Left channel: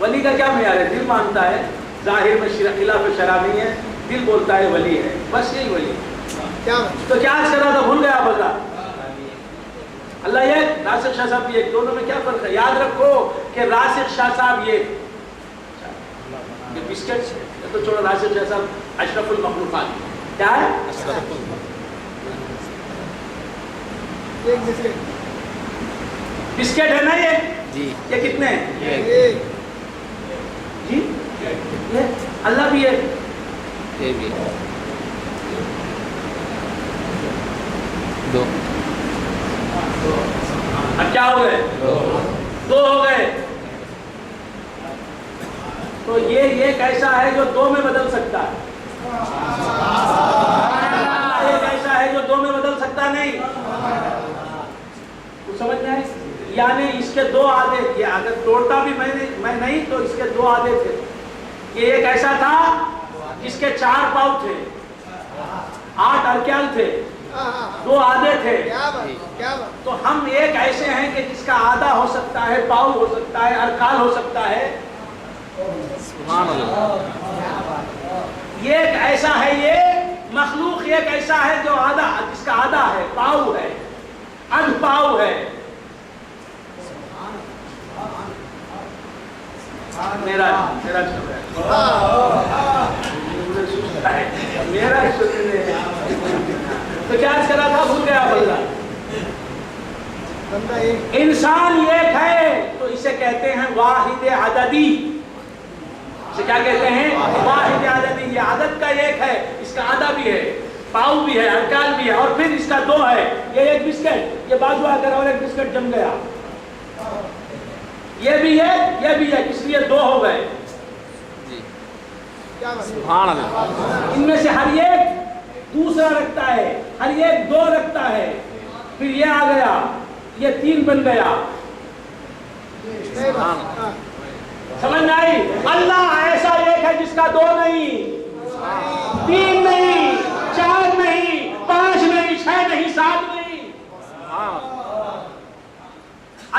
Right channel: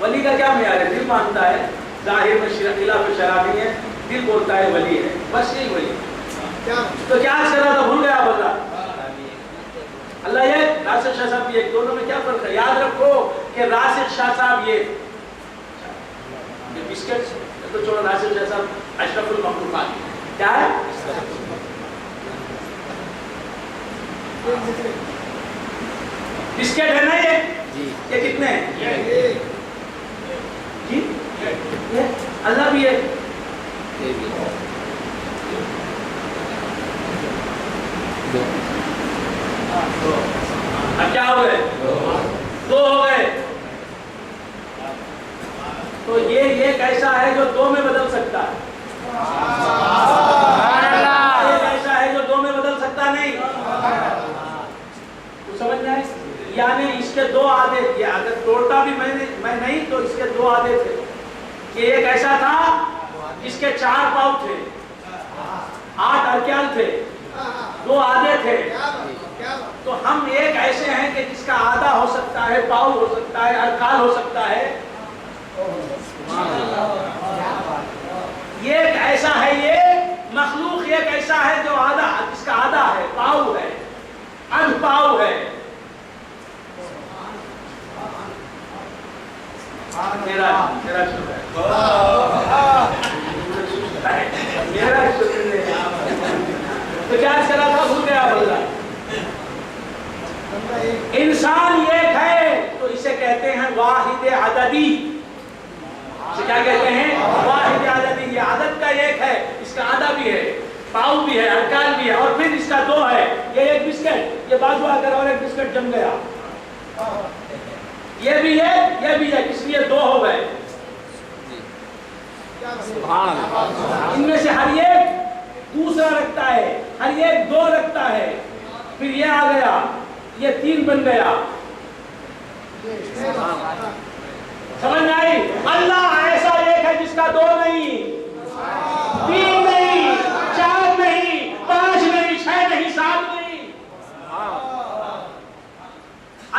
ولی کا کیا معیار ہے؟ دل مانتا ہے، ظاہر میں خلاف شرع نہیں ہے، دل بولتا ہے ولی ہے، بس یہی ولی. تو کیا آج کر رہا تھا؟ بھول گیا بتا. اللہ یہ راسخ شاہ صاحب یہ دونوں میں کیا فرق ہے؟ یاد رکھو کہ راسخ شاہ صاحب یہ بسکٹ تو چھوڑو، راسخ شاہ صاحب اشرف المخلوقات کیا ہے؟ بسکٹ ہے نا یہ کتنے ہیں؟ جی اللہ بھی ہے. دو. اب کیا ہو گئے؟ دو ہو گئے. تو یہ کیسا ہے جو دو میں بدل سکتا ہے؟ یہ کیسا ہے جو دو میں بدل سکتا نہیں؟ کچھ سمجھ میں آئے؟ یعنی اس کے دو آدھے، یہ اگر توڑتا بھی میں نہیں تو اس کے دو آدھے تھے. کہ ایک ایسا تھا جس کے 4 پاؤں تھے، 8 ارکان تھے، 2 آدھے تھے. تو ہم ایک ایسے ہیں کہ جس کا آدھا ہو سکتا ہے، پاؤں ہو سکتا ہے، ارکان ہو سکتا ہے. یہ ایک ایسا ہے، یہ مخلوق ایک ایسا ہے جو آدھا، جس کا آدھا ہے، پاؤں ہے، ادھ پاؤں ہے. میرا تو کیا چلا تھا؟ بھول گیا بندہ. انسان ایک ہے تو اسے کہتے ہیں واحد عددی. اسے کیا کہتے ہیں؟ واحد عددی. یہ عدد کا ایک ہے، اس کا آدھا بھی ہے، پاؤں بھی ہے، ارکان بھی ہے، اور پھر اس کا 2 ہے. یہ ایک بسکٹ، یہ بازو آ کر اور ایک بسکٹ جم گیا. یہ بھی ہے، یہ بھی ہے، اس لیے 2 ہو گئے. سبحان اللہ. ان میں سے ہر ایک دوسرا رکھتا ہے، ہر ایک 2 رکھتا ہے. پھر یہ آ گیا، یہ 3 بن گیا. سمجھ میں آئی؟ اللہ ایسا ایک ہے جس کا 2 نہیں، 3 نہیں، 4 نہیں، 5 نہیں، 6 نہیں، 7 نہیں.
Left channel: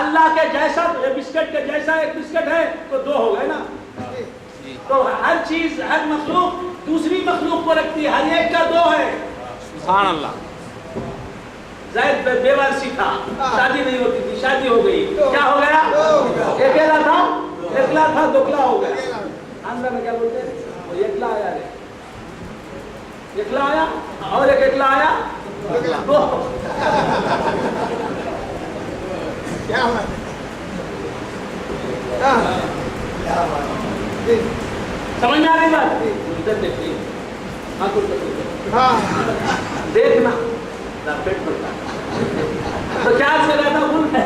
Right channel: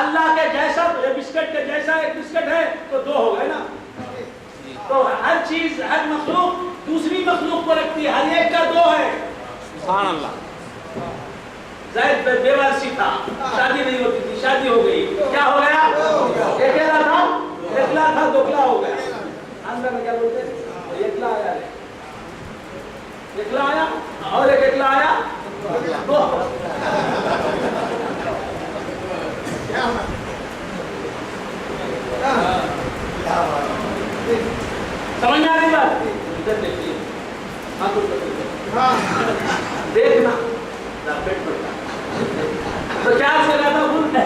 اللہ کے جیسا بسکٹ کے جیسا ایک بسکٹ ہے تو 2 ہو گئے نا. تو ہر چیز، ہر مخلوق دوسری مخلوق کو رکھتی ہے، ہر ایک کا 2 ہے. سبحان اللہ. زید بے وارثی تھا، شادی نہیں ہوتی تھی، شادی ہو گئی، کیا ہو گیا؟ اکیلا تھا، اکلا تھا، دوکلا ہو گیا. اندر میں کیا بولتے ہیں؟ اکلا آیا ہے، اکلا آیا اور ایک اکلا آیا، 2. کیا ہونا؟ سمجھ میں آ رہی بات؟ ادھر دیکھیے، دیکھنا پیٹ پڑتا. تو کیا سے رہتا بھول ہے؟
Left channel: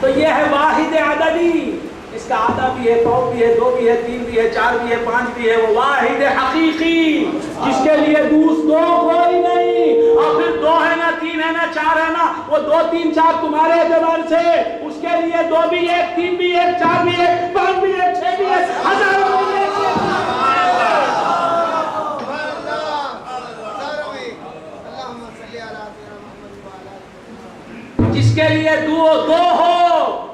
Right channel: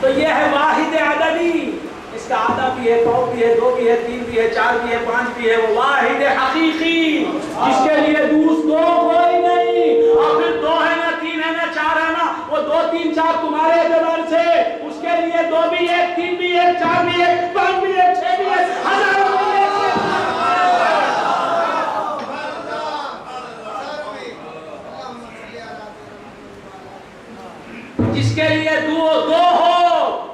تو یہ ہے واحد عددی. اس کا آدھا بھی ہے، پاؤں بھی ہے، 2 بھی ہے، 3 بھی ہے، 4 بھی ہے، 5 بھی ہے. وہ واحد حقیقی جس کے لیے 2 کوئی نہیں. اور پھر 2 ہے نا، 3 ہے نا، 4 ہے نا، وہ 2 3 4 تمہارے اعتبار سے اس کے لیے 2 بھی 1، 3 بھی 1، 4 بھی 1، 5 بھی 1، 6 بھی 1، ہزاروں بھی 1. جس کے لیے 2 ہو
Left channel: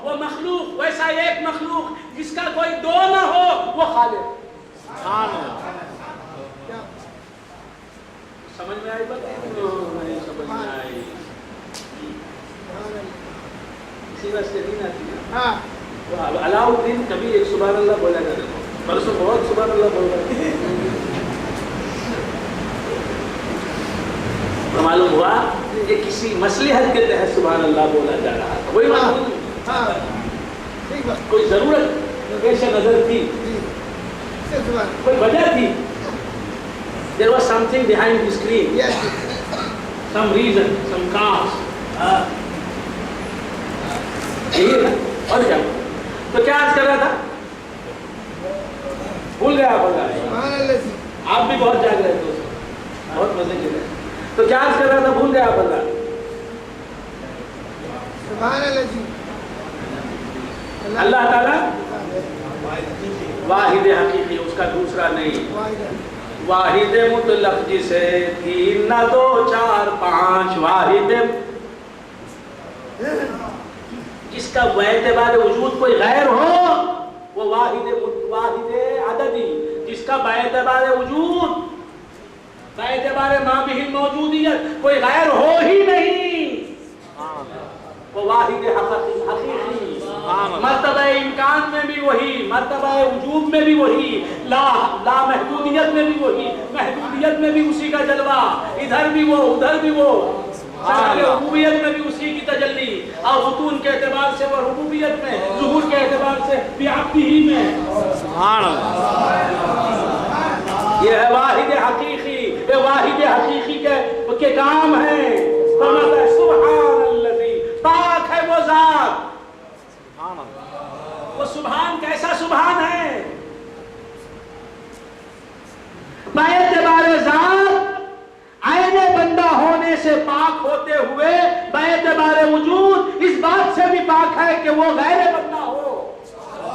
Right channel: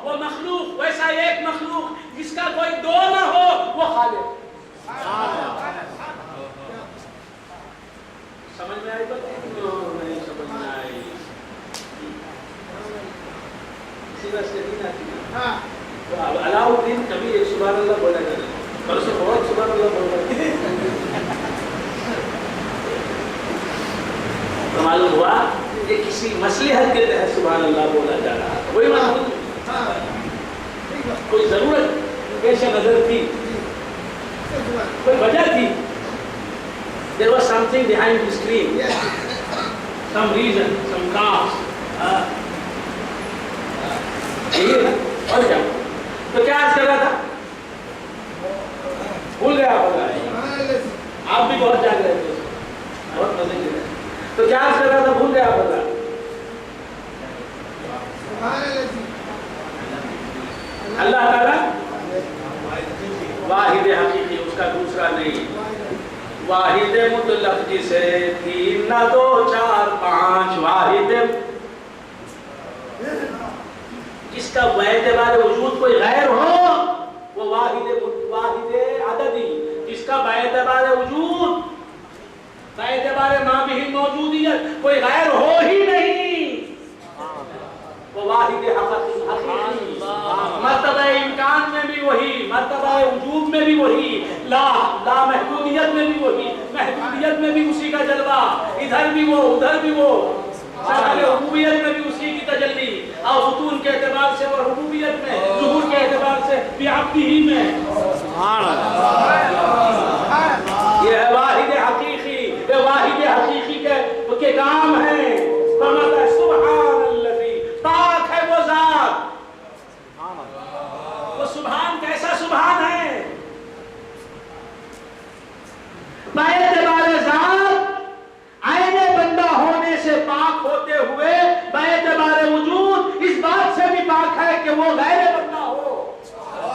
وہ مخلوق، ویسا ایک مخلوق جس کا کوئی 2 نہ ہو وہ خالق. سمجھ میں آئی بات؟ نہیں سمجھ میں آئی. اسی واسطے نہیں آتی نا. تو علاؤ الدین کبھی ایک سبحان اللہ بولا کرے، پرسوں بہت سبحان اللہ بول رہے. معلوم ہوا کہ کسی مصلحت کے تحت سبحان اللہ بولا جا رہا تھا. وہی معلوم کوئی ضرورت پیش نظر تھی، کوئی وجہ تھی. There was something behind the screen, some reason, some cause. اور کیا؟ تو کیا آج کر رہا تھا؟ بھول گیا آپ بھی بہت جاگ رہے تھے، بہت مزے کے رہے. تو کیا عرض کر رہا تھا؟ بھول گیا بندہ. اللہ تعالیٰ واحد حقیقی، اس کا دوسرا نہیں. واحد مطلق جسے 3 نہ 2 4 5، واحد جس کا باعتبار وجود کوئی غیر ہو وہ واحد عددی، جس کا باعتبار وجود باعتبار ما بھی موجودیت کوئی غیر ہو ہی نہیں، وہ واحد حقیقی، مرتبہ امکان میں بھی وہی، مرتبہ وجود میں بھی وہی، لا محدودیت میں بھی وہی، محدودیت میں بھی اسی کا جلوہ، ادھر بھی وہ ادھر بھی وہ، ربوبیت میں بھی اسی کی تجلی، اور بطون کے اعتبار سے وہ ربوبیت میں، ظہور کے اعتبار سے بعبدہ میں، سبحان اللہ، یہ ہے واحد حقیقی، یہ واحد حقیقی کے کام ہیں، سبحان الذی، پاک ہے وہ ذات، سبحان اللہ، وہ سبحان کیسا سبحان ہے، باعتبار ذات عین بندہ ہونے سے پاک ہوتے ہوئے باعتبار وجود اس بات سے بھی پاک ہے کہ وہ غیر بندہ ہو،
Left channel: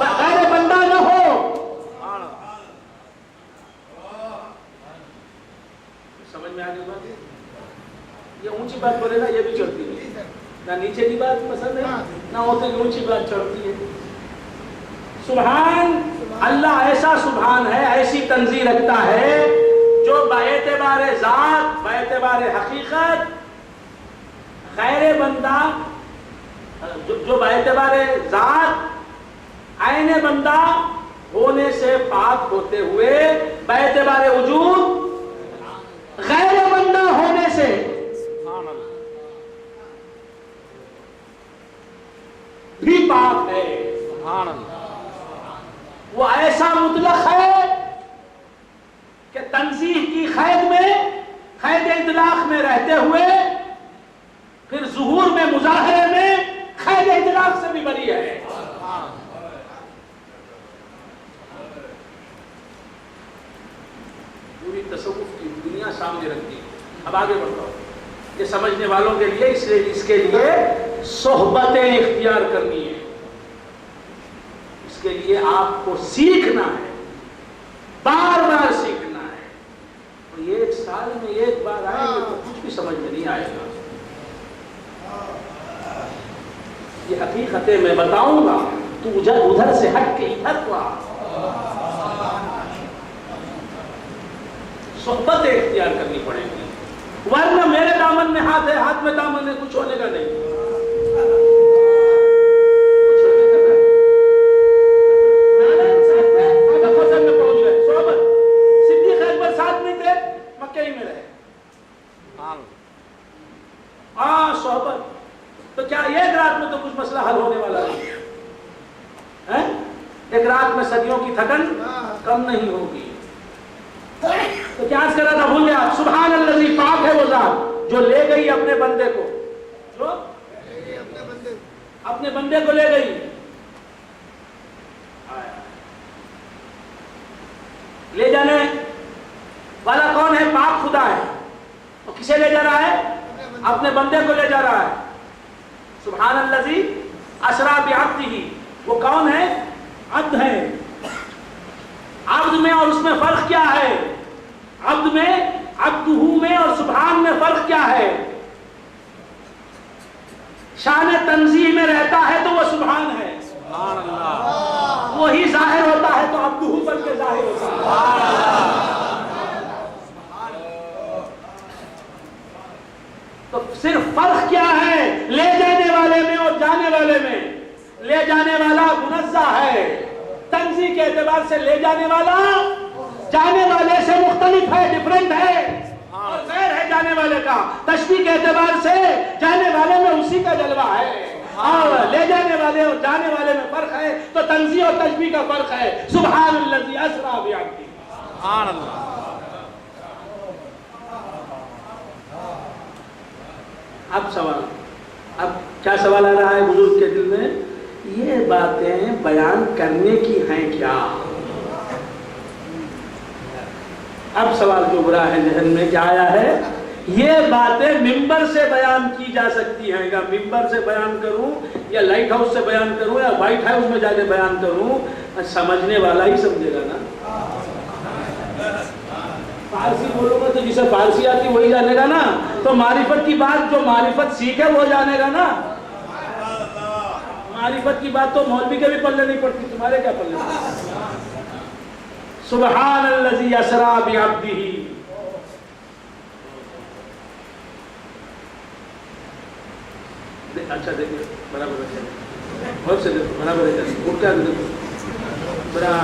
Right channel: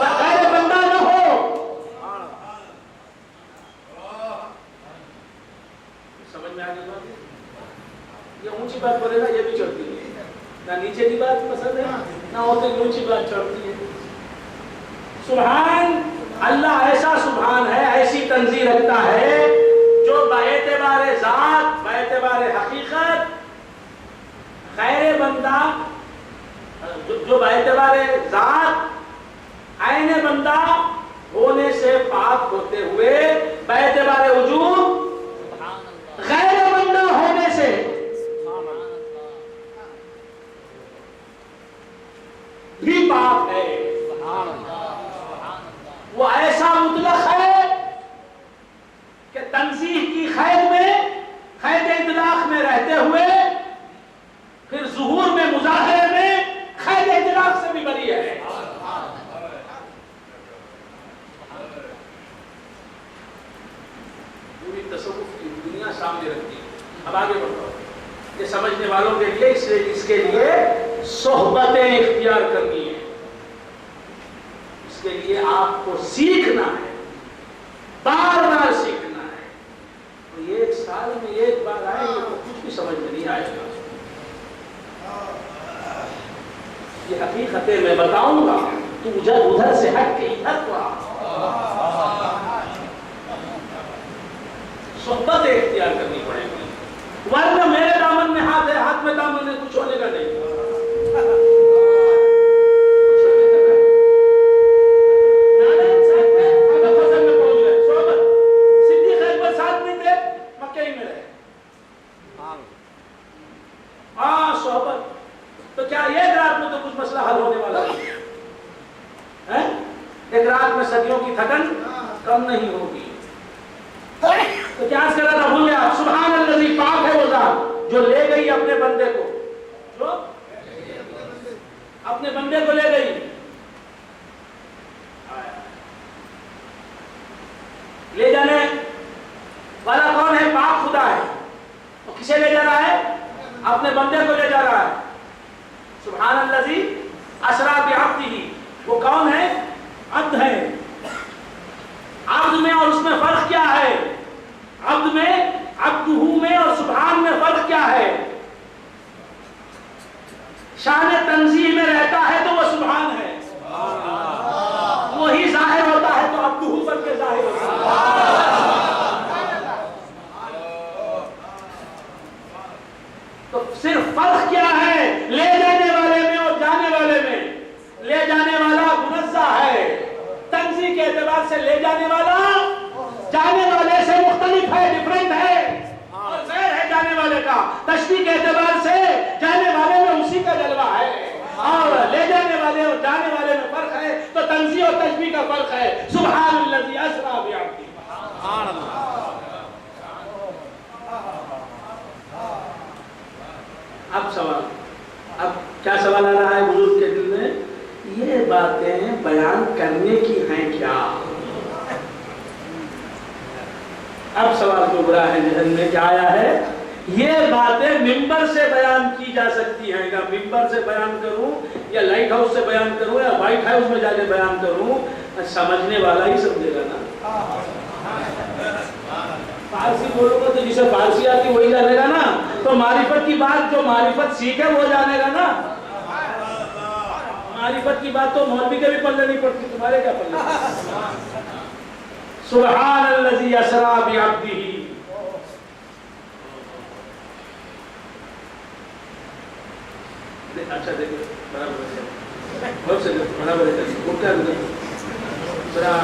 غیر بندہ نہ ہو۔ سمجھ میں آگے بات ہے؟ یہ اونچی بات بولے نا یہ بھی چڑھتی ہے، نہ نیچے کی بات پسند ہے نہ ہوتے اونچی بات چڑھتی ہے۔ سبحان اللہ ایسا سبحان ہے، ایسی تنزیہ رکھتا ہے جو باعتبار ذات باعتبار حقیقت غیر بندہ، جو باعتبار ذات عین بندہ ہونے سے پاک ہوتے ہوئے باعتبار وجود غیر بندہ ہونے سے بھی پاک ہے، سبحان اللہ، وہ ایسا مطلق ہے کہ تنزیہ کی قید میں، قید اطلاق میں رہتے ہوئے پھر ظہور میں، مظاہرے میں قید اطلاق سے بھی بری ہے۔ پوری تصوف کی دنیا سامنے رکھتی ہے۔ اب آگے بڑھتا ہوں، یہ سمجھنے والوں کے لیے اس کے لیے صحبتیں اختیار کرنی ہے، اس کے لیے آپ کو سیکھنا ہے، بار بار سیکھنا ہے، اور ایک سال میں ایک بار آئے گا تو کچھ بھی سمجھ میں نہیں آئے گا۔ یہ حقیقتیں میں بتاؤں گا، تو ادھر سے ہٹ کے ادھر کو آ، صحبتیں اختیار کرنی پڑے گی، ورنہ میرے دامن میں ہاتھ ہے، ہاتھ میں دامن ہے، کچھ ہونے کا نہیں۔ ہاں صحبت، تو کیا ایک رات میں تو کچھ مسئلہ حل ہونے والا ہے؟ ایک رات میں صدیوں کی تھکن کم نہیں ہوگی۔ تو کیا عرض کرا تھا، بھول گیا؟ سبحان الذی، پاک ہے وہ ذات جو لے گئی اپنے بندے کو، جو اپنے بندے کو لے گئی، لے جانے والا کون ہے؟ پاک خدا ہے۔ تو کسے لے جا رہا ہے؟ اپنے بندے کو لے جا رہا ہے۔ سبحان الذی اسریٰ بعبدہ، وہ کون ہے؟ عبد ہے۔ عبد میں اور اس میں فرق کیا ہے؟ عبد میں، عبدہ میں اور سبحان میں فرق کیا ہے؟ شان تنزیہ میں رہتا ہے تو وہ سبحان ہے، وہی ظاہر ہوتا ہے تو عبدہ بن کے ظاہر ہوتا ہے۔ تو صرف فرق کیا ہے لے جانے والے میں اور جانے والے میں؟ لے جانے والا منزہ ہے، تنزیہ کے اعتبار سے لے جانے والا جانے والے سے مختلف ہے، ڈیفرنٹ ہے، اور غیر ہے جانے والے کا۔ تشبیہ کے اعتبار سے جانے والے میں اسی کا جلوہ ہے، اور لے جانے والے اور جانے والے میں فرق ہے، تو تنزیہ اور تشبیہ کا فرق ہے۔ سبحان الذی اسریٰ بعبدہ، سبحان اللہ، اب سوال، اب کیا سوال آ رہا ہے بزرگ کے دل میں؟ یہ باتیں بیان کرنے کی ہیں کیا؟ اب سوال جو برا ہے ذہن میں کیا آیا ہے؟ یہ باتیں ممبر سے بیان کی جا سکتی ہیں کیا؟ ممبر سے بیان کروں یا لائٹ ہاؤس سے بیان کروں یا وائٹ ہاؤس میں جا کے بیان کروں، سمجھنے والا ہی سمجھے گا نا۔ فارسی بولو گا تو جسے فارسی آتی وہی جانے گا نا، تو معرفت کی بات جو معرفت سیکھے وہ جانے گا نا۔ معرفت کی بات تو مولوی کے بھی پلے نہیں پڑتی، تمہارے کیا پلے؟ سبحان الذی اسری بعبدہ. اچھا دیکھیں برابر ہے، بہت سے برابر ہے، اٹھا ذرا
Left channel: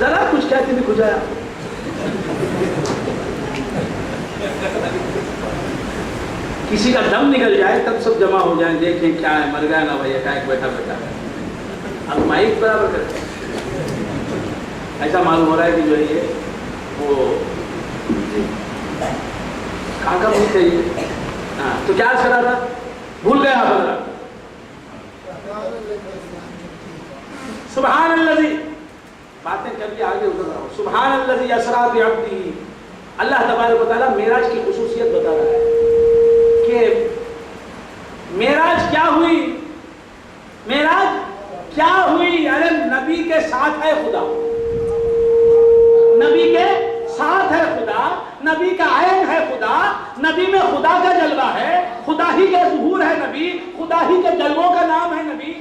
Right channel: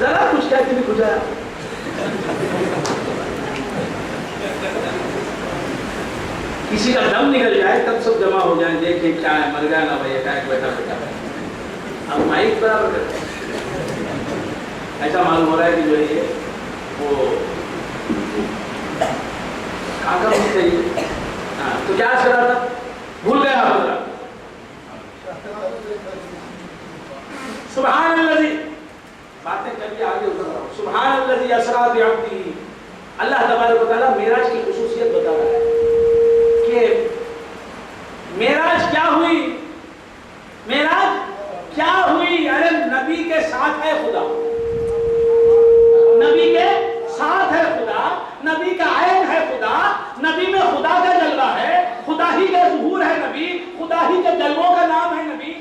ذرا کچھ کہتے بھی کھجایا. کسی کا دم نکل جائے تب سب جمع ہو جائیں، دیکھیں کیا ہے، مر گیا نا بھائی، اٹیک بیٹھا بیٹھا ہے. اب مائک برابر کرتے ہیں. ایسا معلوم ہو رہا ہے کہ جو ہے یہ وہ کھاکا بھی چاہیے. تو کیا کر رہا تھا، بھول گیا بدلا. سبحان الذی، باتیں کبھی آگے ادھر رہا ہوں. سبحان الذی اسری بعبدہ. اللہ تبارک و تعالیٰ معراج کی خصوصیت بتا رہا ہے کہ معراج کیا ہوئی، معراج کیا ہوئی. ارے نبی کے ساتھ ہے خدا، نبی کے ساتھ ہے خدا، نبی کا عین ہے خدا، نبی میں خدا کا جلوہ ہے، خدا ہی کا ظہور ہے نبی، خدا ہی کے جلووں کا نام ہے نبی.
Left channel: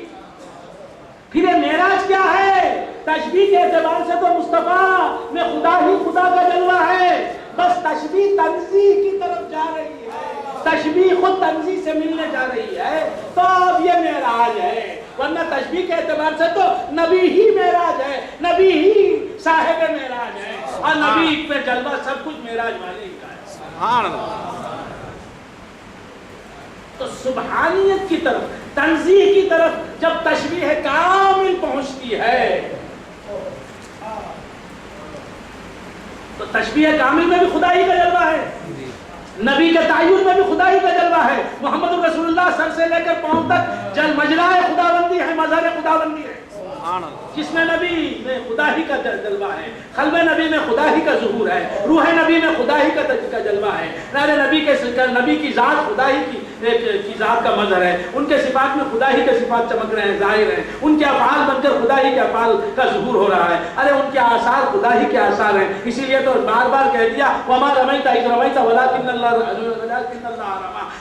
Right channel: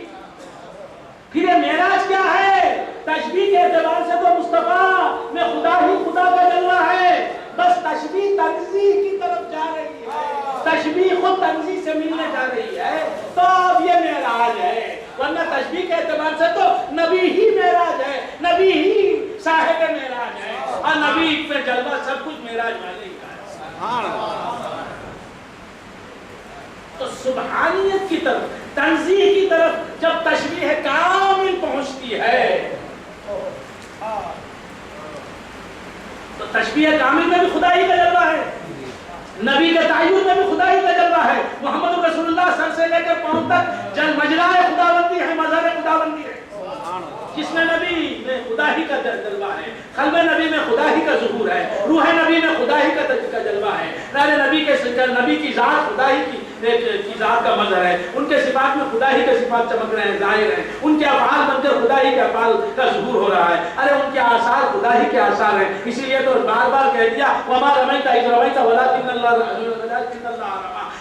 پھر یہ معراج کیا ہے؟ تشبیہ کے اعتبار سے تو مصطفیٰ میں خدا ہی خدا کا جلوہ ہے، بس تشبیہ تنزیہ کی طرف جا رہی ہے، تشبیہ خود تنزیہ سے ملنے جا رہی ہے، تو اب یہ معراج ہے. ورنہ تشبیہ کے اعتبار سے تو نبی ہی معراج ہے، نبی ہی صاحب معراج ہے، اور نبی پہ جلوہ سب کچھ معراج والے ہی کا ہے. سبحان اللہ. تو سبحانیت کی طرف، تنزیہ کی طرف جب تشبیہ کامل پہنچتی ہے تو تشبیہ کامل میں بھی خدائی کا جلوہ ہے، نبی کے تعین میں بھی خدائی کا جلوہ ہے. محمد رسول اللہ سر سے لے کر پاؤں تک مجرائے خداوندی ہے، مظہر خداوندی ہے. جس میں نبی میں خدا ہی کا جلوہ ہے، قلب نبی میں خدا ہی کا ظہور ہے، روح نبی میں خدا ہی کا جلوہ ہے. نبی کی ذات خدا ہی کی ذات کا مظہر ہے، ان کے صفات میں خدا ہی کے صفات چمک رہے ہیں، ظاہر ہیں. ان کے افعال بن کر خدا ہی کے افعال کا ظہور ہو رہا ہے. ارے ان کے آثار خدا ہی کے آثار ہیں. اسی لیے تو بار بار کہہ دیا وما رمیت اذ رمیت ولکن اللہ رمی.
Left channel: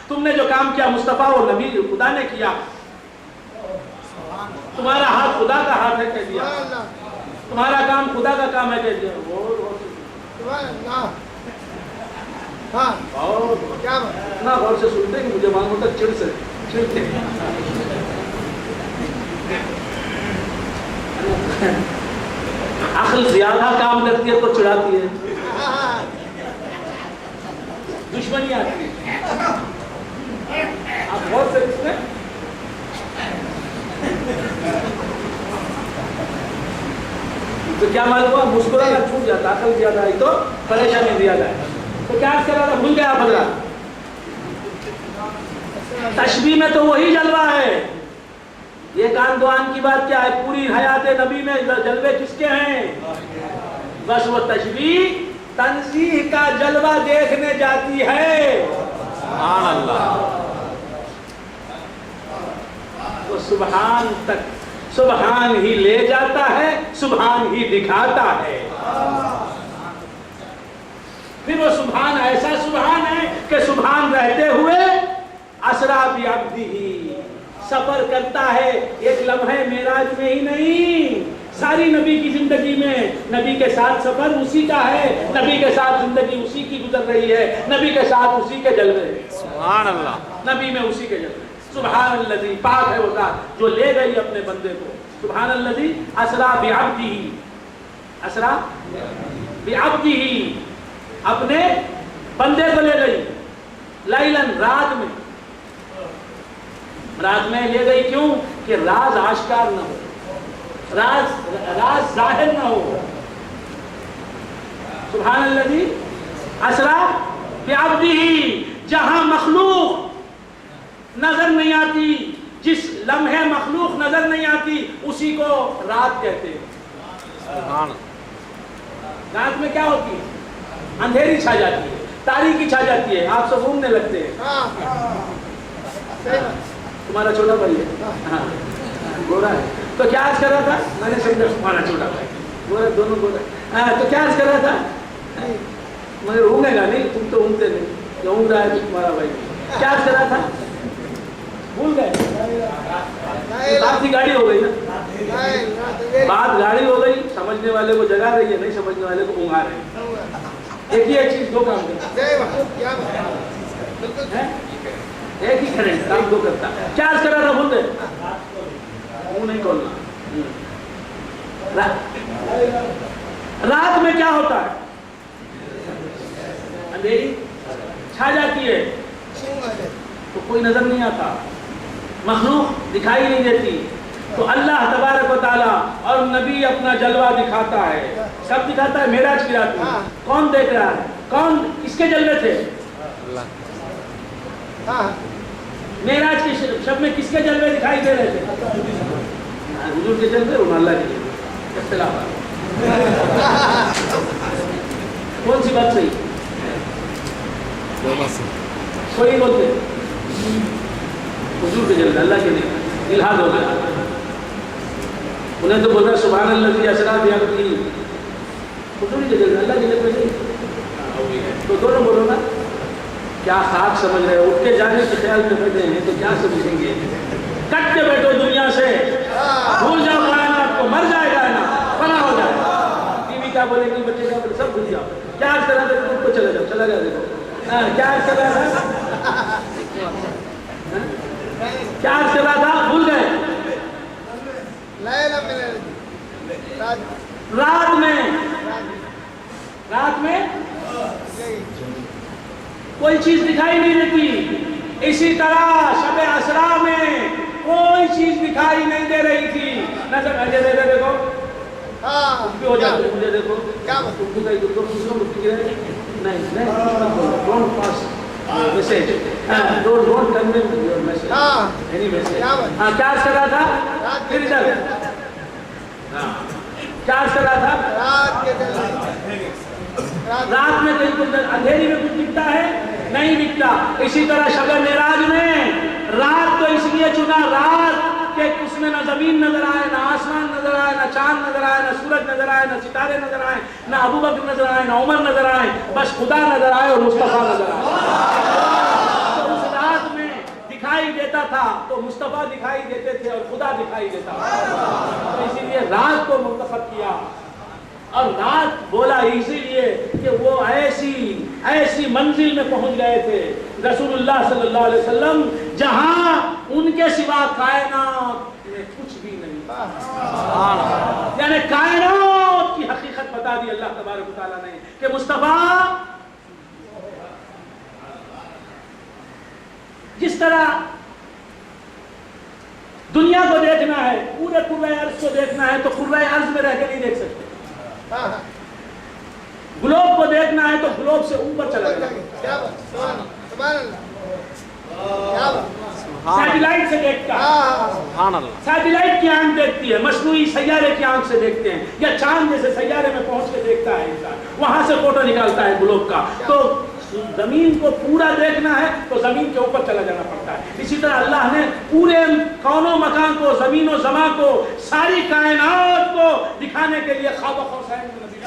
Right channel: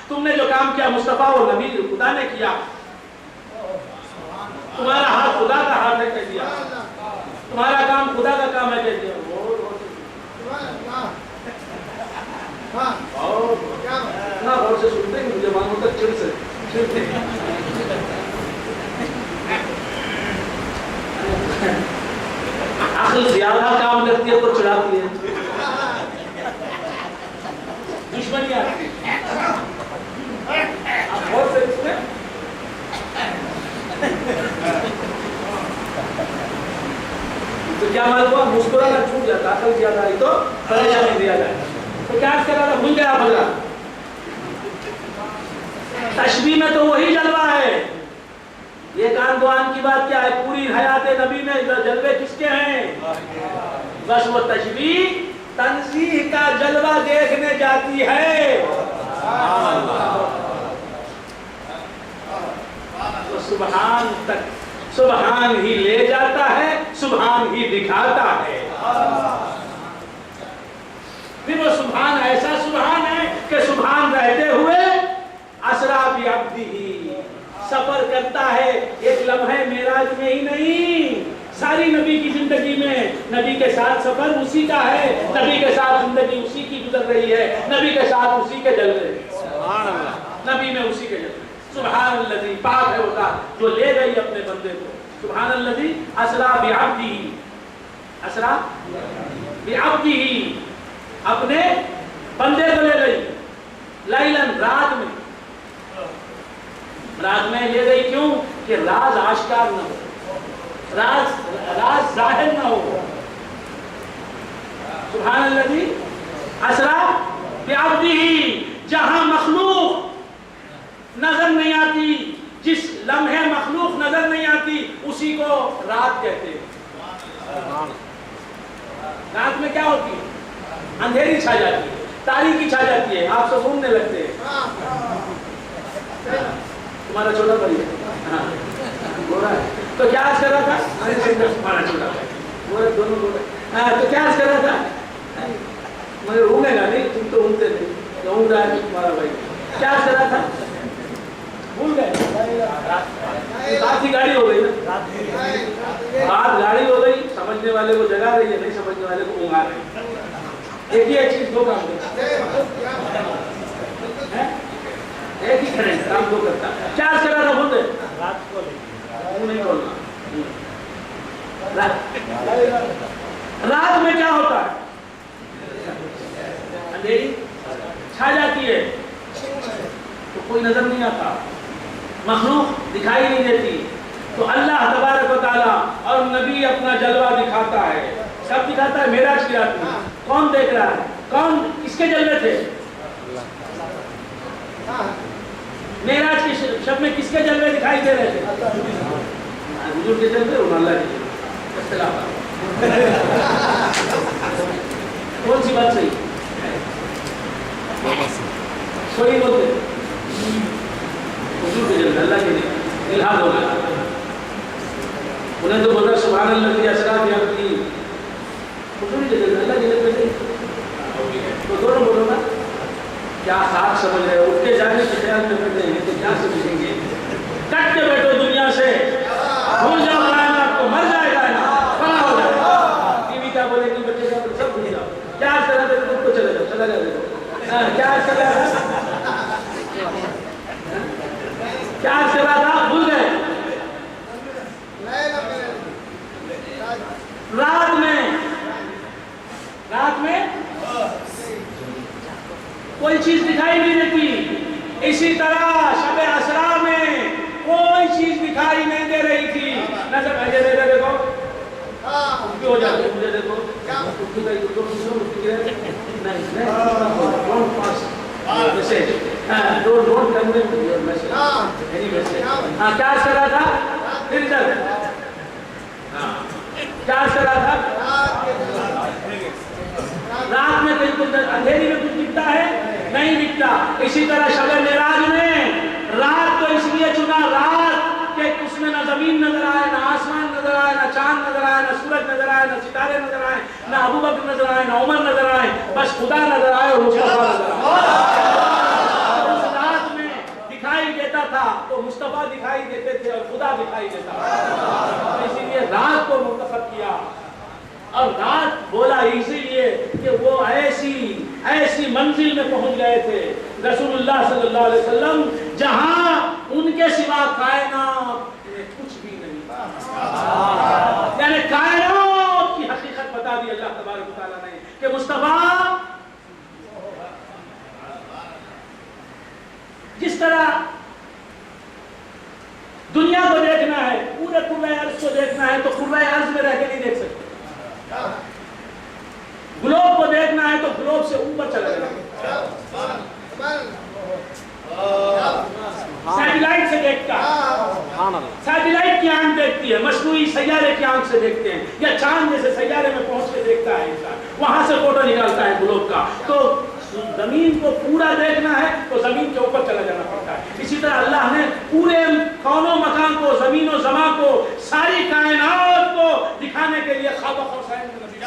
تم نے جو کام کیا مصطفیٰ وہ نبی خدا نے کیا. تمہارا ہاتھ خدا کا ہاتھ ہے کہہ دیا، تمہارا کام خدا کا کام ہے کہہ دیا. اتنا غور سے سنتے ہیں مجھے معلوم ہوتا چڑتے عقل زیادہ کام کرتی ہے تو چڑھاتی ہے، دشمنی آتی ہے. آپ غور سے اس میں تو کیا معلوم ہوا، مسکرانا چھوٹ جاتا، عقل زیادہ ہے تو پریشانی زیادہ ہے. تو کیا کر رہا تھا، بھول گیا بدلا. تشبیہ میں تو وہی جلوہ ہے. یہ کان دوان کی بات کیا ہے، پوری حیات نبی میں جلوے کس کے ہیں؟ بس وہ تشبیہ تنزیہ کا جلوہ دیکھنے جاتی ہے. سبحان اللہ. تو سبحان تک سبحان ہی لے جاتا ہے، سبحان ہی دکھاتا ہے. پھر وہ سبحان ایسا سبحان ہے کہ سبحان رہتے ہوئے اسری بعبدہ سفر کرتا ہے. ایک لمحے معراج میں ہی نہیں، ساری نبی کی زندگی میں نبی کے ساتھ سفر اسی کا ہے، نبی کے ساتھ زندگی اسی کی گزر رہی ہے، نبی کے ساتھ اسی کے جلوے ہیں. سبحان اللہ. نبی میں اسی کے جلوے. سبحان الذی، پاک ہے وہ ذات جو لے گئی اپنے بندے کو. سبحان الذی اسری بعبدہ، اسری بعبدہ اپنے بندے کو لے گئی. لیلاً، رات میں، رات میں لے گئی. کیوں؟ کہ راز آشکار نہ ہو، راز ظاہر نہ ہو. سبحان الذی اسری بعبدہ، جہاں مخلوق نظر نہیں آتی، جس لمحے مخلوق نظر نہیں آتی اسی کو رات کہتے ہیں. رات میں کیا ہوتی ہے؟ اندھیری چھا جاتی ہے، تاریکی چھا جاتی ہے، آپ سب گھومنے لگتے ہیں. تمہارا چھوٹا بھائی ہے گورا ہے تو کیا آج کر رہا تھا؟ تمہارا چھوٹا بھائی گورا، دونوں گورا. تو کیا آج کر رہا تھا؟ مگر اونگے گا نہیں، تم تو اونگتے نہیں، جو اونگ رہا ہے تو تمہارا بھائی. کیا آج کر رہا تھا؟ بھول گئے؟ رات کی گاڑی ہو گئی نا، رات گاڑی ہو گئی، سمجھنے والے کو جگا رہی ہے، نہیں سمجھنے والے کو اونگا رہی ہے۔ ایک ہی چیز دو کام کرتا ہے، ایک ہی کرنٹ کام دو کرتا ہے۔ کیا عرض کر رہا تھا؟ بھول گئے؟ منہ نہیں کھولنا۔ رات میں کیا ہوتا ہے؟ اندھیری چھا جاتی ہے تو کوئی نظر نہیں آتا، مخلوق دکھائی نہیں دیتی، تو اللہ تبارک و تعالیٰ اور نبی اپنا جلوہ دکھاتا ہے۔ کب دکھاتا ہے؟ معراج کی رات میں۔ کون دیکھ رہا ہے؟ کون کس کے جلوے تھے؟ معراج کی شب میں کس کے جلوے دکھائی دے رہے تھے؟ حضور کے جلوے اور اللہ کے جلوے، اختلاف ہے۔ کون سی بات صحیح؟ صحیح بولتے حضور کے جلوے، اللہ کے جلوے، الہاد ہو گیا۔ انہیں تو بولا سبحان اللہ کی اثرات یا کی حضور کے جلوے، اللہ کے جلوے نہیں، تو دونوں بولو نا۔ کیا خاک سمجھ رہے ہو؟ اٹھ کے جانے کے خیال میں بیٹھے ہیں تو کیا سمجھیں گے؟ کٹ کے بیٹھو دنیا سے، بھول جاؤ کائنات کو، مر جائے گا نا، فنا ہو جائے گا۔ ٹی وی کیا بولے گی، بچے کیا بولے، سب بھول جاؤ۔ کیا کرا دے تو چلے جاؤ، چلا جاؤ، دیکھو کیا کرا تھا، کیا کرا تھا، بھول گئے۔ رات میں کوئی چیز دکھائی نہیں دیتی، اسی طرح شب اسرا میں کوئی چیز دکھائی نہیں دے رہی تھی۔ نظر بھیجے دے دے، دیکھو بھی ہو جاتے، مجھے دیکھو نہیں، don't pass message, don't convey your message, any message. ہاں کیا کر رہا تھا؟ پھر ادھر کیا کر رہا تھا؟ رات میں کہیں کچھ اندھیری میں کچھ دکھتا ہے؟ نہیں دکھتا۔ اسی طرح شب معراج میں رات کو اس لیے چنا، رات کہ اس میں نہ زمین نظر آئے، نہ آسمان نظر آئے، نہ چاند نظر آئے، نہ سورج نظر آئے، نہ ستارے نظر آئے، نہ ابو بکر نظر آئے، نہ عمر نظر آئے، بس خدا نظر آئے اور مصطفیٰ نظر آئے۔ تو اس رات میں دکھائی دیتا تھا تو مصطفیٰ دکھائی دیتے تھے اور خدا دکھائی دیتا تھا، تو اسی لیے رات کو منتخب کیا۔ اور رات بولا اسی لیے کہ وہ ایسی منزل میں پہنچ گئے تھے رسول اللہ صلی اللہ علیہ وسلم جہاں ان کے سوا کائنات میں کچھ بھی نہیں، یعنی کائنات کی حقیقت بتا دی اللہ تبارک و تعالیٰ نے کہ مصطفیٰ جس طرح دنیا کو دیکھنا ہے، پورے کرۂ ارض کو دیکھنا ہے تو کرۂ ارض میں رہ کے نہیں دیکھ سکتے، گلوب کو دیکھنا ہے تو گلوب سے اوپر چلا جائے، سیٹلائٹ سے دیکھتا ہے، سیٹلائٹ کی آنکھ دیکھتی ہے، مصنوعی سیارے کی آنکھ سے دیکھتے ہیں، یا چاند جیسے سیارے میں پہنچ کے دیکھتا ہے انسان، وہاں سے فوٹو نکالتا ہے گلوب کا۔ تو زمین کو پورا دیکھنا ہے تو زمین کے اوپر چلا جانا پڑتا ہے۔ اسی طرح اللہ نے پورے کون و مکان کو، زمین و زمان کو، ساری کائنات کو دکھانے کے لیے خواب قوسین میں نبی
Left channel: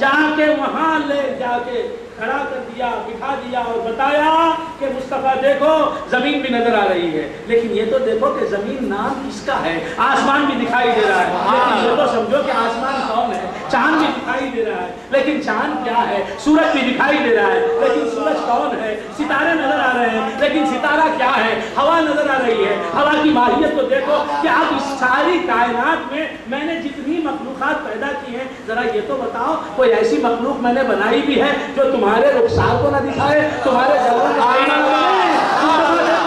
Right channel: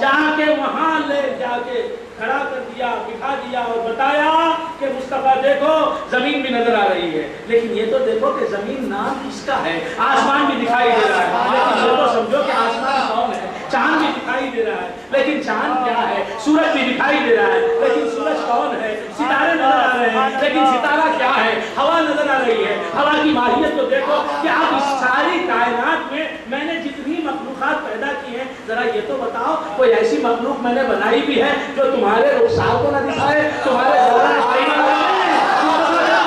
جہاں کے وہاں لے جا کے کھڑا کر دیا، بٹھا دیا اور بتایا کہ مصطفیٰ دیکھو زمین بھی نظر آ رہی ہے، لیکن یہ تو دیکھو کہ زمین نام کس کا ہے، آسمان بھی دکھائی دے رہا ہے، لیکن یہ تو سمجھو کہ آسمان کون ہے، چاند بھی دکھائی دے رہا ہے لیکن چاند کیا ہے، سورج بھی دکھائی دے رہا ہے لیکن سورج کون ہے، ستارے نظر آ رہے ہیں لیکن ستارہ کیا ہے، ہوا نظر آ رہی ہے، ہوا کی ماہیت کو دیکھو کہ اب اس ساری کائنات میں نے جتنی مخلوقات پیدا کی ہیں، ذرا یہ تو بتاؤ کوئی ایسی مخلوق میں نے بنائی بھی ہے جو تمہارے رخسار کو نہ دکھائے، تمہارے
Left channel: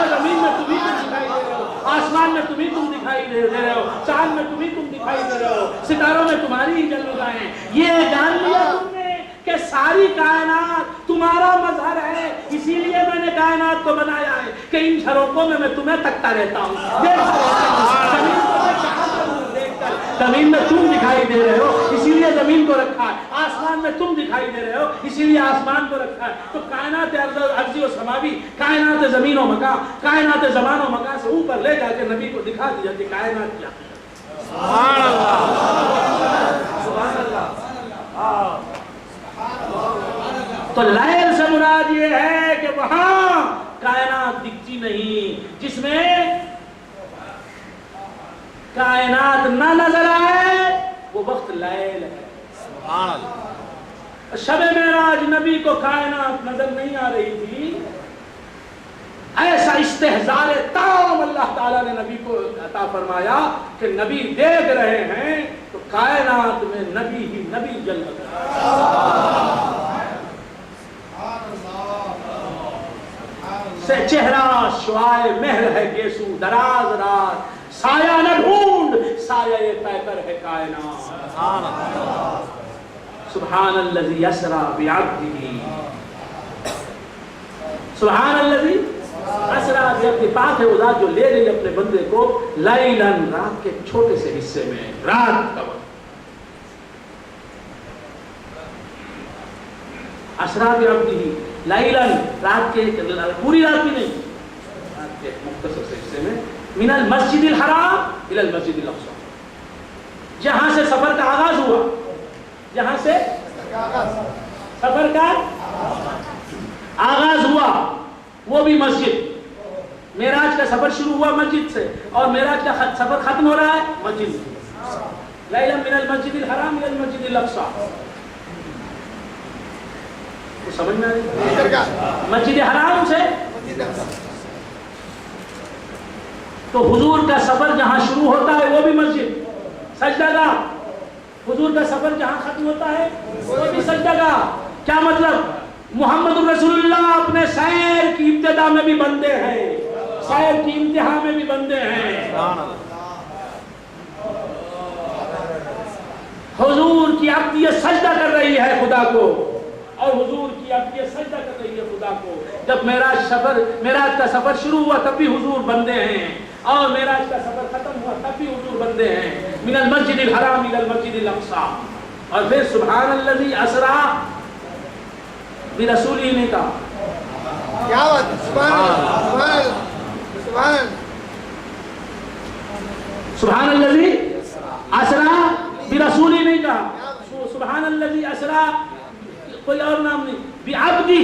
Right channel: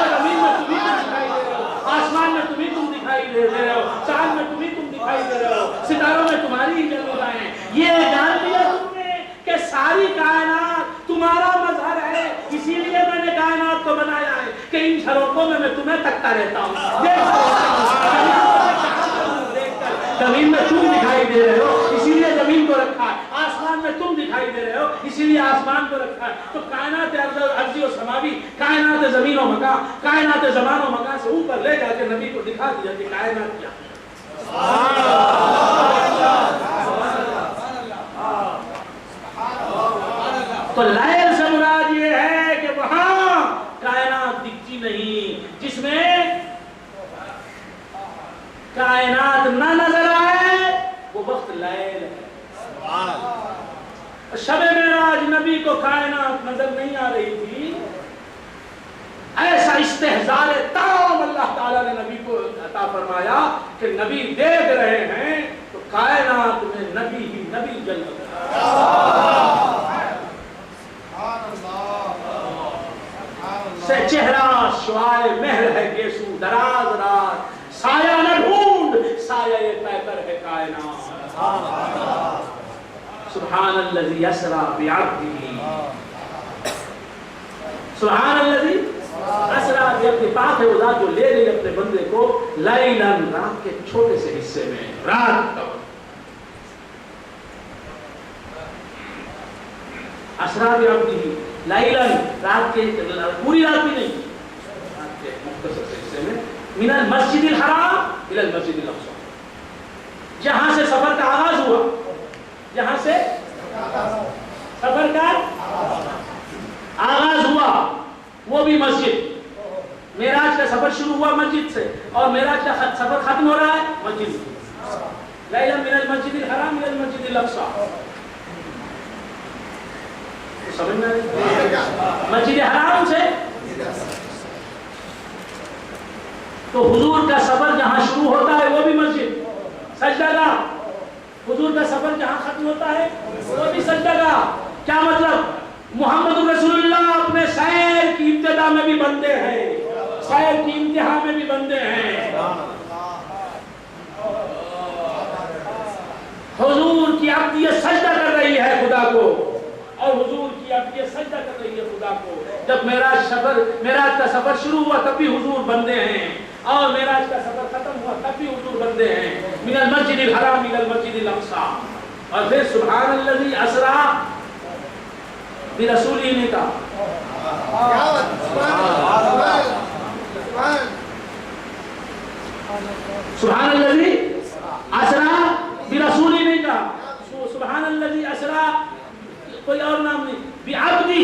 زمین میں تمہیں دکھائی دے رہے ہو، آسمان میں تم دکھائی دے رہے ہو، چاند میں تم دکھائی دے رہے ہو، ستاروں میں تمہاری ہی جلوہ ہیں۔ یہ جان لیا تم نے کہ ساری کائنات تمہارا مظہر ہے، اسی لیے میں نے کائنات کو بنایا ہے کہ ان جھروکوں میں تمہیں تکتا رہتا ہوں، زمین میں تم دکھائی دے رہے ہو اسی لیے زمین کو رکھا ہے، آسمان میں تم دکھائی دے رہے ہو اسی لیے آسمان کو رکھا ہے۔ تو کائنات ارضی و سماوی، کائنات زمین و مکان، کائنات زمان و مکان سے اوپر لے جا کے نبی کو دکھا دیا کہ کائنات کیا ہے۔ تو لیل سے مراد یہ ہے کہ وہاں نہیں جس میں کائنات نہ نظر آئے وہ وقت لیل ہے. سبحان اللہ. شب معراج نبی کو کائنات نظر نہیں آ رہی تھی. ایسا استحضار تام اللہ تعالیٰ نے نبی کو عطا فرمایا کہ نبی دیکھ رہے ہیں تو کائنات میں نبی ہی نبی جل سے چہرہ شعائے مہر ہے گیسو دراز رات سایہ نہ ڈھونڈ سایہ پیکر ہے کائنات. سبحان الذی اسریٰ بعبدہ سبحان الذی اسریٰ بعبدہ. پاک ہے وہ ذات جو لے گئی اپنے بندے کو لیلاً رات کے چھوٹے سے حصے میں. رات کا اسریٰ بعبدہ لیلاً رات کے پوری رات بھی نہیں رات کے مختصر سے حصے میں من المسجد الحرام الى المسجد الاقصی. جہاں سے سفر کا آغاز ہوا جہاں سے سفر کا آغاز ہوا وہ بھی مسجد. معراج کا سفر شروع ہوا مسجد سے اور معراج کا سفر ختم ہو رہا ہے مسجد سے. لیلا من المسجد الحرام الى المسجد الاقصی. تو سمجھ میں مسجد حرام سے تو حضور کا سفر جہاں شروع ہوتا ہے وہ بھی مسجد سجدہ گاہ. حضور کا سفر جہاں ختم ہوتا ہے وہ بھی سجدہ گاہ. کیا مطلب؟ محمد رسول اللہ اپنے سیر کی ابتدا میں بھی بندے ہیں سیر کی انتہا میں بھی بندے ہیں. حضور کی عبدیت سجدہ کر رہی ہے خدا کو اور حضور کی عبدیت سجدہ کر رہی ہے خدا کو. جب معراج کا سفر شروع ہوا تب بھی حضور بندے ہیں اور معراج کا سفر ختم ہوا تب بھی حضور بندے ہیں. من المسجد الحرام الى المسجد الاقصی. اور پھر سبحان الذی اسریٰ برسولہ نے کہا کیا بات. سبحان الذی اسریٰ برسولہ نے کہا. سبحان الذی اسریٰ کوئی اور نام نہیں بعبدہ.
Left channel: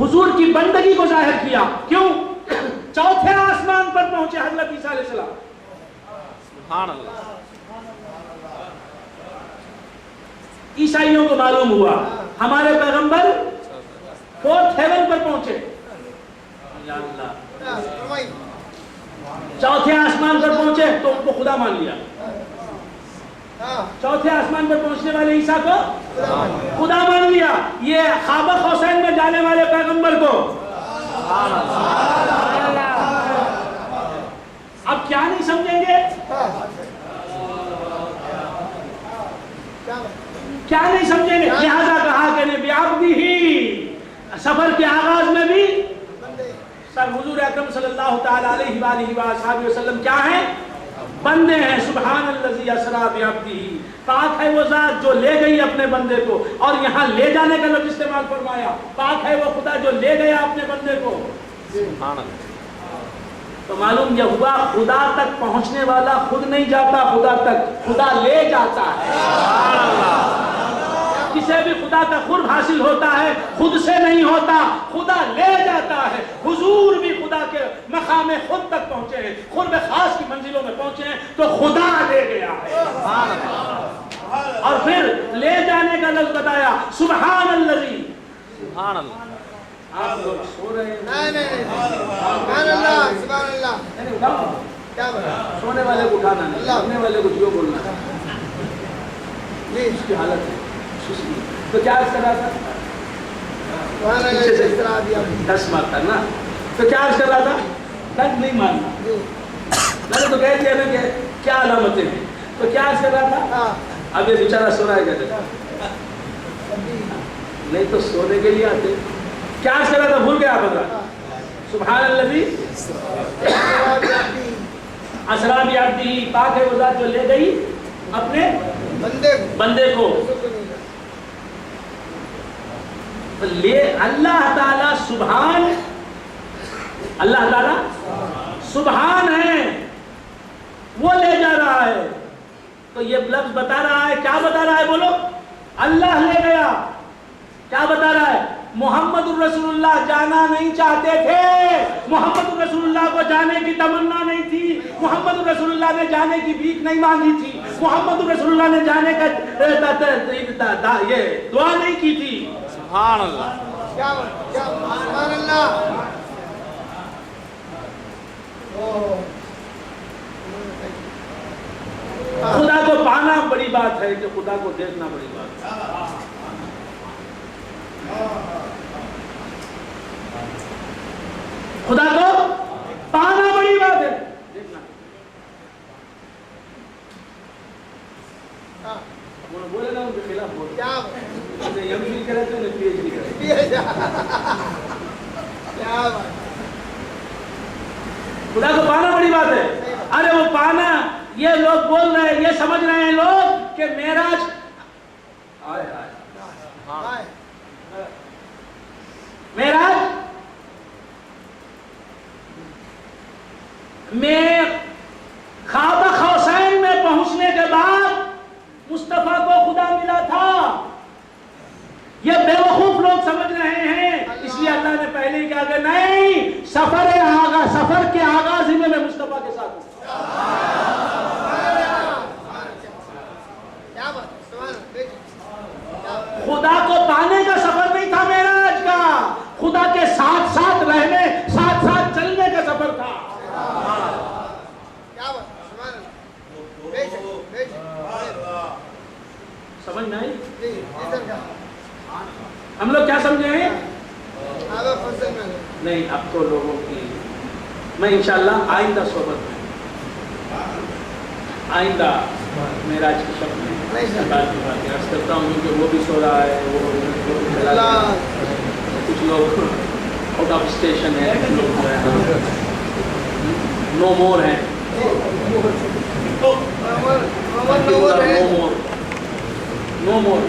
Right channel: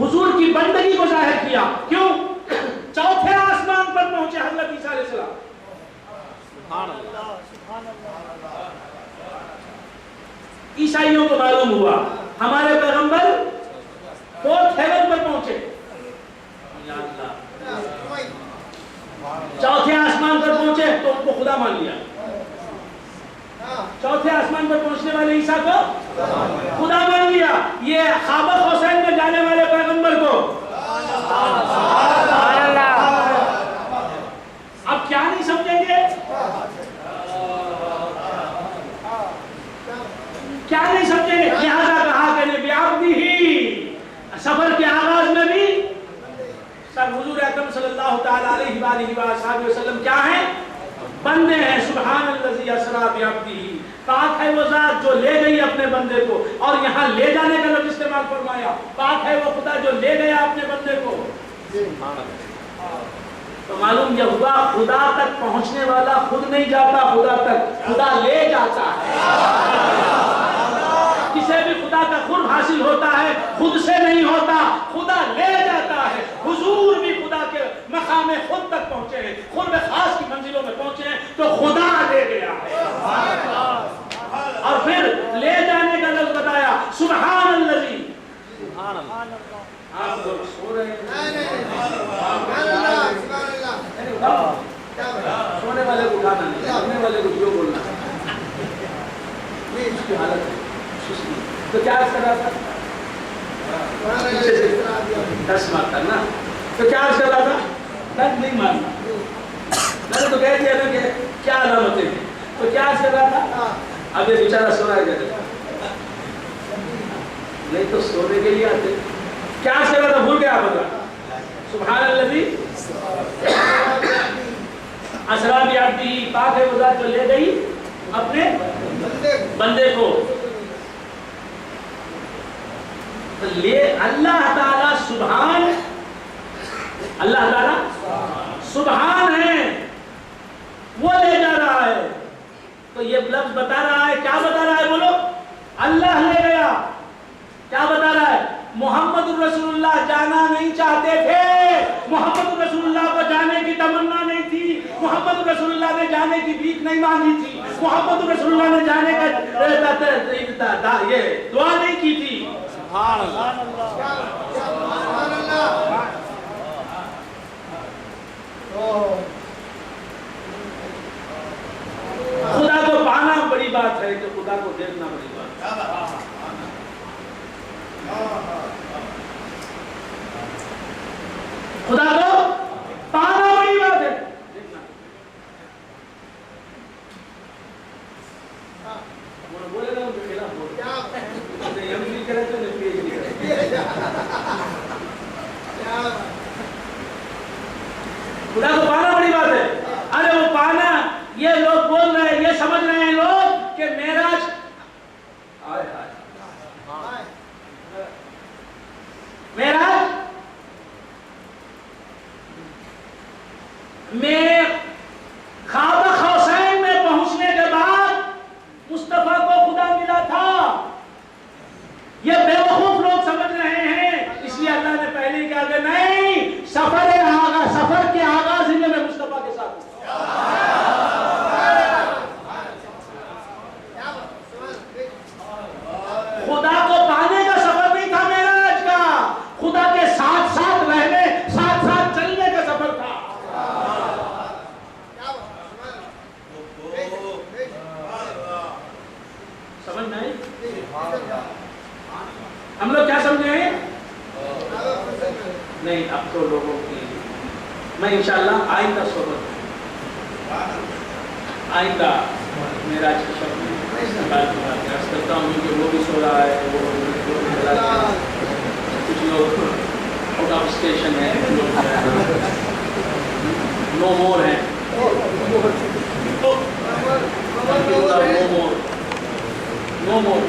حضور کی بندگی کو ظاہر کیا. کیوں؟ چوتھے آسمان پر پہنچے حضرت عیسیٰ علیہ السلام. سبحان اللہ. عیسائیوں کو معلوم ہوا ہمارے پیغمبر فورتھ ہیون پر پہنچے. یا اللہ. چوتھے آسمان پر پہنچے تو ان کو خدا مان لیا. چوتھے آسمان پر پہنچنے والے عیسیٰ کو خدا مان لیا. یہ خابق حسین میں جانے والے پیغمبر کو اب کیا نہیں سمجھیں گے کیا نہیں سمجھیں گے. لہذا کہا کہ بعبدہ سفر کے آغاز میں بھی سر حضور اکرم صلی اللہ تعالی علیہ وآلہ وسلم کیا ہیں؟ بندے ہیں. سبحان الذی اسریٰ بعبدہ. پاک ہے وہ ذات جو لے گئی اپنے بندے کو. اور یہاں لے جانے کا لفظ استعمال فرمایا. پاک ہے وہ خدا جو لے گیا اپنے بندے کو. تو معلوم یہ ہوا خدا تک پہنچنے والا خود نہیں جاتا خدا تک, خدا لے جاتا ہے. کسے بھی خدا کا قرب حاصل ہوتا ہے خود سے نہیں ہوتا, خدا لے جاتا ہے. حضور بھی خدا کے مقام خود تک پہنچے ہیں, قرب خاص کی منزلوں میں پہنچے ہیں تو خدا لے گیا ہے. اور پھر لے جانے کا لفظ بتایا سبحان الذی. سبحان اللہ. آپ لوگ سو رہے ہیں. سبحان اللہ. سبحان اللہ. کیا بات. سونے والے کو اٹھانا نہیں, سونے والے کو جو بولنا ہے. یہ اس کی حالت ہے. تو کیا عرض کر رہا تھا؟ پیچھے سے 10 مارتا نا. تو کیا عرض کر رہا تھا؟ 10 نہیں مارنا. میں نے تو کہہ دیا نا کہ کیا علامتیں ہیں. تو کیا عرض کر رہا تھا؟ اب یہ بیچارہ سو رہا ہے کہتے نہیں تو سونے کے لیے آتے. کیا عرض کر رہا تھا؟ بھول گیا آپ بتا. سبحان الذی اسریٰ بعبدہ. پاک ہے وہ ذات جو لے گئی اپنے بندے کو. لے اللہ تعالیٰ سبحان, اللہ تعالیٰ سبحان ہے, وہ لے جا رہا ہے. تو یہ لفظ بتا رہا ہے, کیا بتا رہا ہے بولو؟ اللہ لے گیا. کیا بتا رہا ہے؟ محمد رسول اللہ جانا نہیں چاہتے تھے، محمد رسول اللہ کو جانے کی تمنا نہیں تھی، محمد رسول اللہ نے جانے کی بھیک نہیں مانگی تھی، محمد رسول اللہ نے جانے کا یہ دعا نہیں کی تھی۔ سبحان اللہ کیا سبحان اللہ۔ خدا کو پانا بڑی بات ہے کہ خدا کو دیکھنا بڑی بات ہے۔ خدا کو پانا بڑی بات ہے، دیکھنا بولے گا ان کے خلاف بولے کیا ایم فل کرے تو پی ایچ ڈی کرے۔ خدا کو پانا بڑی بات ہے۔ ارے وہ پانا، یہ لوگ بول رہے ہیں، یہ سمجھ رہے ہیں لوگ کہ معراج معراج میں خواب قوسین میں پہنچنے کے بعد مصطفیٰ کو خدا ملا تھا۔ یہ بے وقوف لوگ سمجھ رہے ہیں، اس لیے اللہ نے پہلے ہی کہا کہ نہیں، سفر کے آغاز ہی میں مصطفیٰ کے ساتھ ہوں۔ خدا کو پانے کا سفر نہیں تھا معراج کا، خدا کے ساتھ ساتھ رہنے، ساتھ ساتھ چلنے کا سفر تھا۔ سمجھ نہیں؟ ہم لوگ کیا سمجھے ہیں؟ نہیں، اب تو لوگوں کی میں انشاءاللہ آئندہ صحبت آئندہ معراج کی شب میں عرض کرتا ہوں کہ وہ بھی سو رہا ہے، وہ کچھ لوگ آؤٹ آف اسٹیشن ہے، نو مور ہیں، نو مور